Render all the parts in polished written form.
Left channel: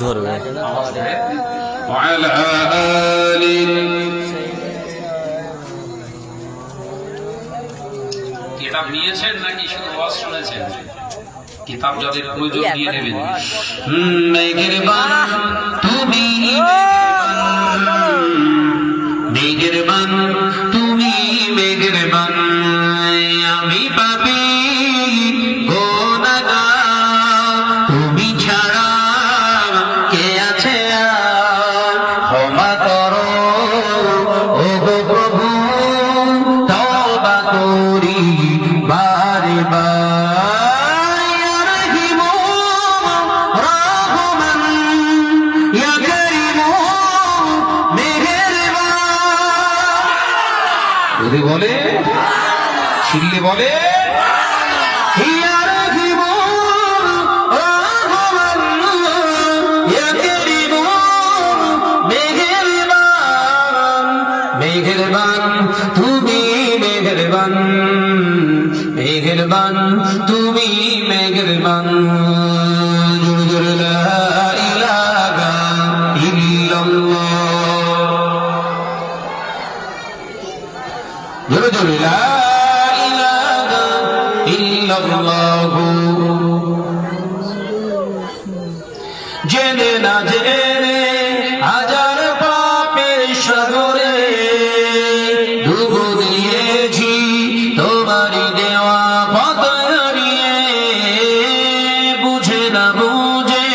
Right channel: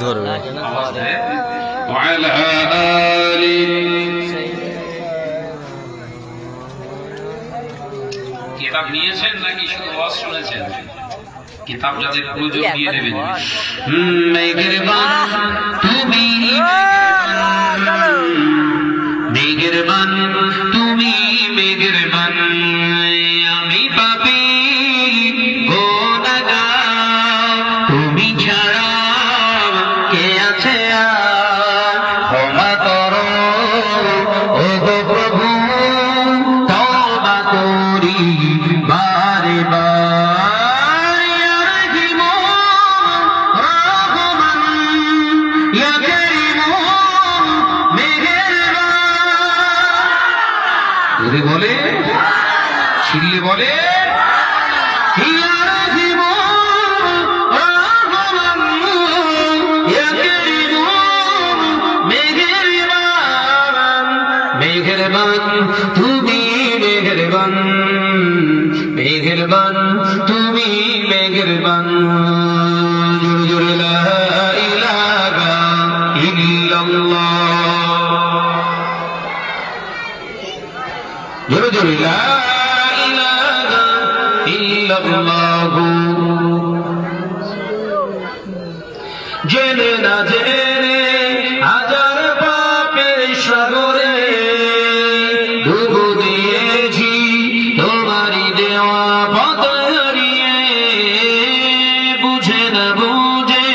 ধরবে কিতাব নিয়েছেন নাকি শুধু ওয়াজ শুনেছেন? কিতাব যাদের প্রয়োজন নিয়ে নেবেন। মেঘের বান তুমি, মেঘের বান তুমি, মেঘের বান আমি পাপী গুনাহগার, তুমি ছাড়া কে আছে আর? ক্ষমা করো ও গো প্রভু, তওবা করি বারে বার। ইয়া রহিম রহমান, ইয়া করিম মেহেরবান। যদি বলে শিল্লে বলে ইয়া রহিম রহমান, ইয়া করিম মেহেরবান। মেহেরবান তুমি, মেহেরবান, মেহেরবান তুমি, মেহেরবান। জোরে জোরে লা ইলাহা ইল্লাল্লাহ, জোরে জোরে লা ইলাহা ইল্লাল্লাহ। জেনে না জেনে হাজার পাপের সাগরে ডুব দিয়েছি, তোমারই দেওয়া পথ হারিয়ে। বুঝে না বুঝে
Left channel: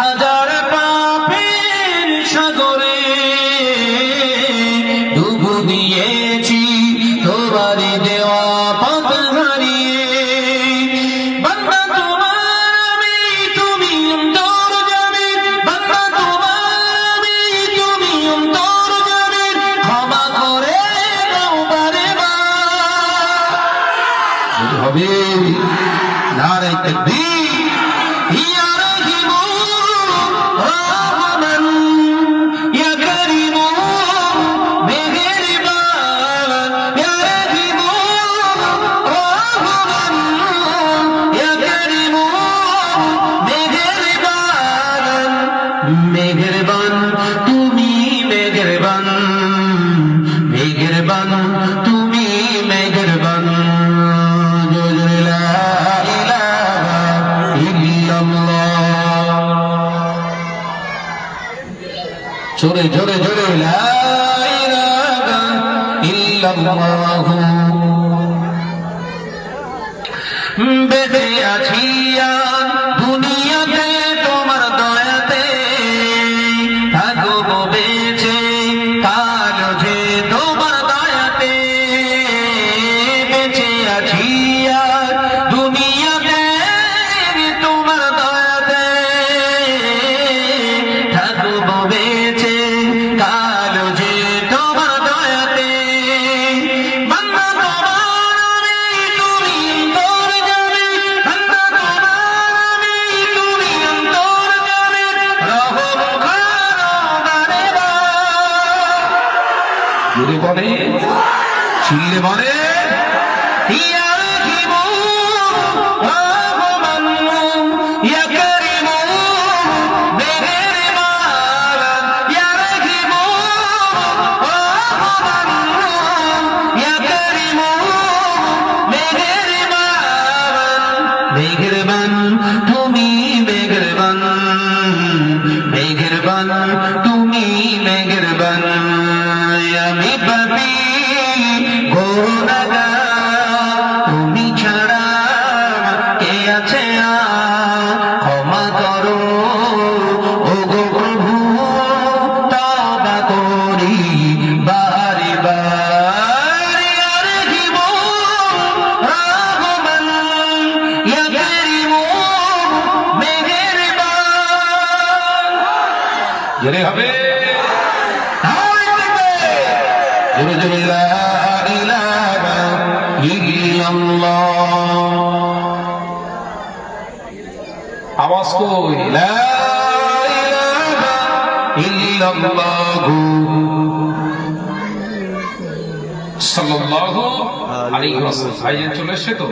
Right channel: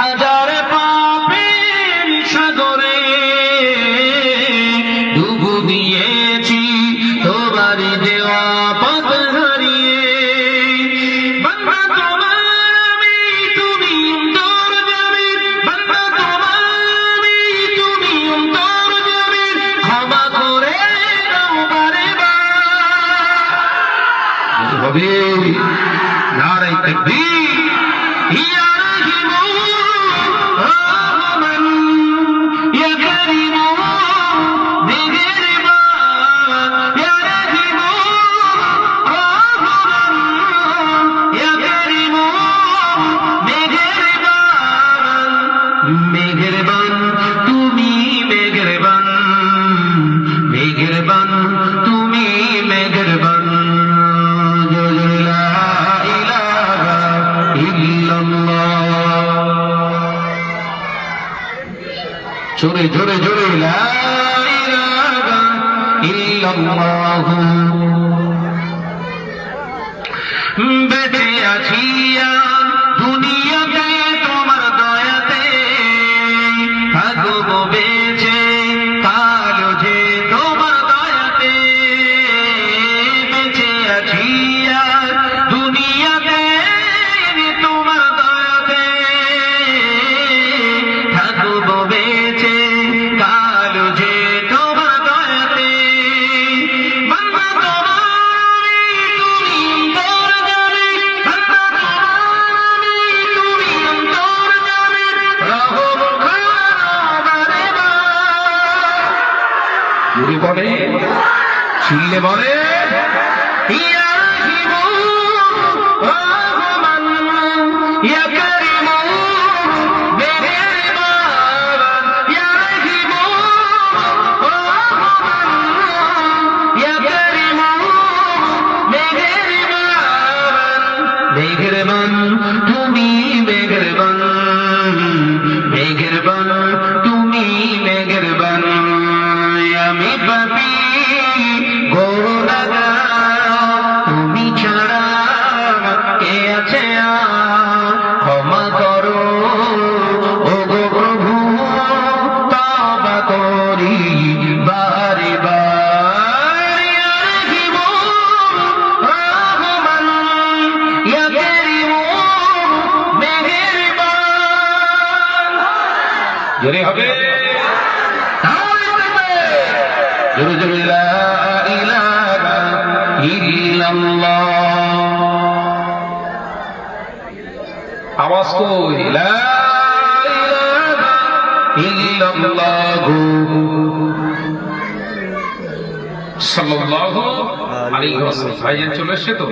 হাজার পাপের সাগরে ডুব দিয়েছি, তোমারই দেওয়া পথ হারিয়ে। বান্দা তোমার আমি, তুমি অন্তর যাবে, বান্দা তোমার আমি, তুমি অন্তর যাবে, ক্ষমা করে দাও বারে বার। হবে নারায়ে তাকবীর। ইয়া রহিম রহমান, ইয়া করিম মেহেরবান। ইয়া রহিম রহমান, ইয়া করিম মেহেরবান। মেহেরবান তুমি, মেহেরবান, মেহেরবান তুমি, মেহেরবান। জোরে জোরে লা ইলাহা ইল্লাল্লাহ, জোরে জোরে জোরে লা ইলাহা ইল্লাল্লাহ। বেঁচে আছি আর দুনিয়াতে তোমার দয়াতে, থাকবো বেঁচে কালো যে তোমার দয়াতে। বেঁচে আছি আর দুনিয়াতে তোমার দয়াতে, থাকবো বেঁচে কালো যে তোমার দয়াতে। বান্দা তোমার আমি, তুমি অন্তর যাবে, বান্দা তোমার আমি, তুমি অন্তর যাবে, রহম করো বারে বার। যদি বলে চিল্লে বলে ইয়া রহিম রহমান, ইয়া করিম মেহেরবান। ইয়া রহিম রহমান, ইয়া করিম মেহেরবান। মেহেরবান তুমি, মেহেরবান, মেহেরবান তুমি, মেহেরবান আমি পাপী গুনাহগার, তুমি ছাড়া কে আছে আর? ক্ষমা করো ও গো প্রভু, তওবা করি বারে বার। ইয়া রহিম রহমান, ইয়া করিম মেহেরবান। জোরে হবে জোরে জোরে লা ইলাহা ইল্লাল্লাহ। আওয়াজ কই লা ইলাহা ইল্লাল্লাহ। সাল্লাল্লাহু আলাইহি ওয়াসাল্লাম। ভাইজান চলে এসেছে তো?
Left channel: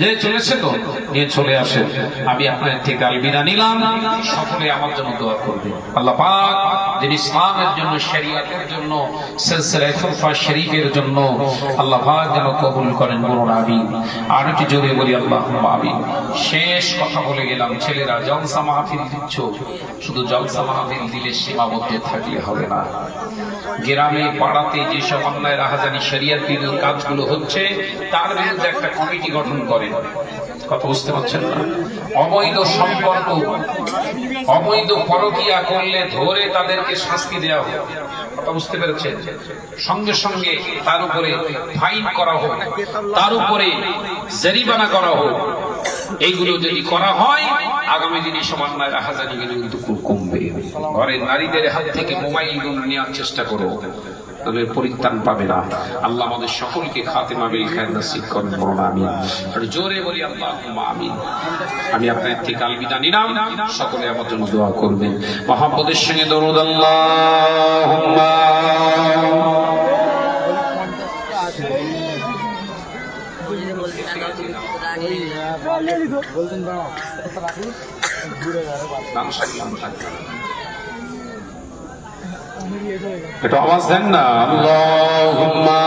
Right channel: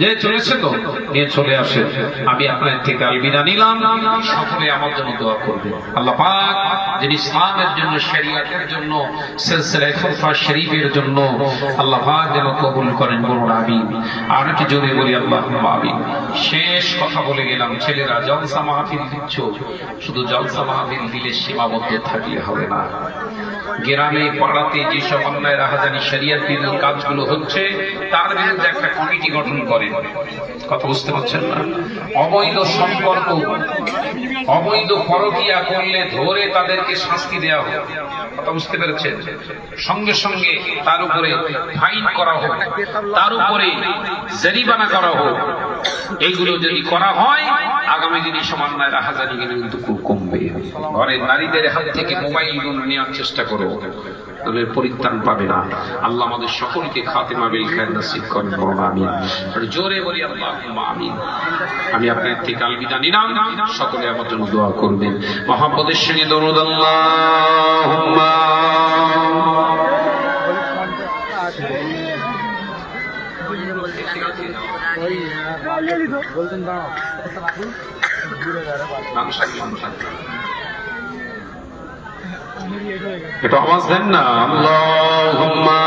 যে চলেছে তো নিয়ে চলে আসেন। আমি আপনার থেকে আলবিদা নিলাম, সকলে আমার জন্য দোয়া করবে। আল্লাহ পাক যিনি ইসলামের জন্য, শরিয়তের জন্য, সিলসিলা খুলফা শরীফের জন্য আল্লাহ পাক যেন কবুল করেন, বলুন আমিন। আর একটু জোরে বলি আল্লাহুম্মা আমিন। শেষ কথা বলে গেলাম, ছেলেরা জলসা মাহফিল দিচ্ছ, শুধু জলসা মাহফিল দিলে সীমাবদ্ধ থাকলে হবে না। গ্রামে পাড়াতে যেসব অন্যায় রাহাজানি শরিয়ত বিরোধী কাজগুলো হচ্ছে তার বিরুদ্ধে একটা কমিটি গঠন করে। কথা বুঝতে পারছেন না? অবৈধ সম্পর্ক, অবৈধ পরকীয়া করলে ধরে তাদেরকে শাস্তি দেওয়া হোক। কথা বুঝতে পেরেছেন? সঙ্গে সঙ্গে তার উপরে ফাইন করা হোক, তার উপরে জরিমানা করা হোক। এইগুলো যদি করা হয় আগামী দিনে সমান্বয় রাহাজানি কিন্তু খুব কমবে। ঘরের নারীদের হাত থেকে মোবাইলগুলো নেওয়ার চেষ্টা করো, তাদের পরিত্রাণ পাবে না। আল্লাহ আমাদের সকলকে খাতেমা বিল খায়র নসিব করেন, বলুন আমিন। একটু জোরে বলি আল্লাহুম্মা আমিন। আমি আপনার থেকে আলবিদা নিলাম, সকলে আমার জন্য দোয়া করবেন। মহব্বতের সঙ্গে দরুদ আল্লাহুম্মা। একটু আওয়াজ দেন না, আল্লাহুম্মা।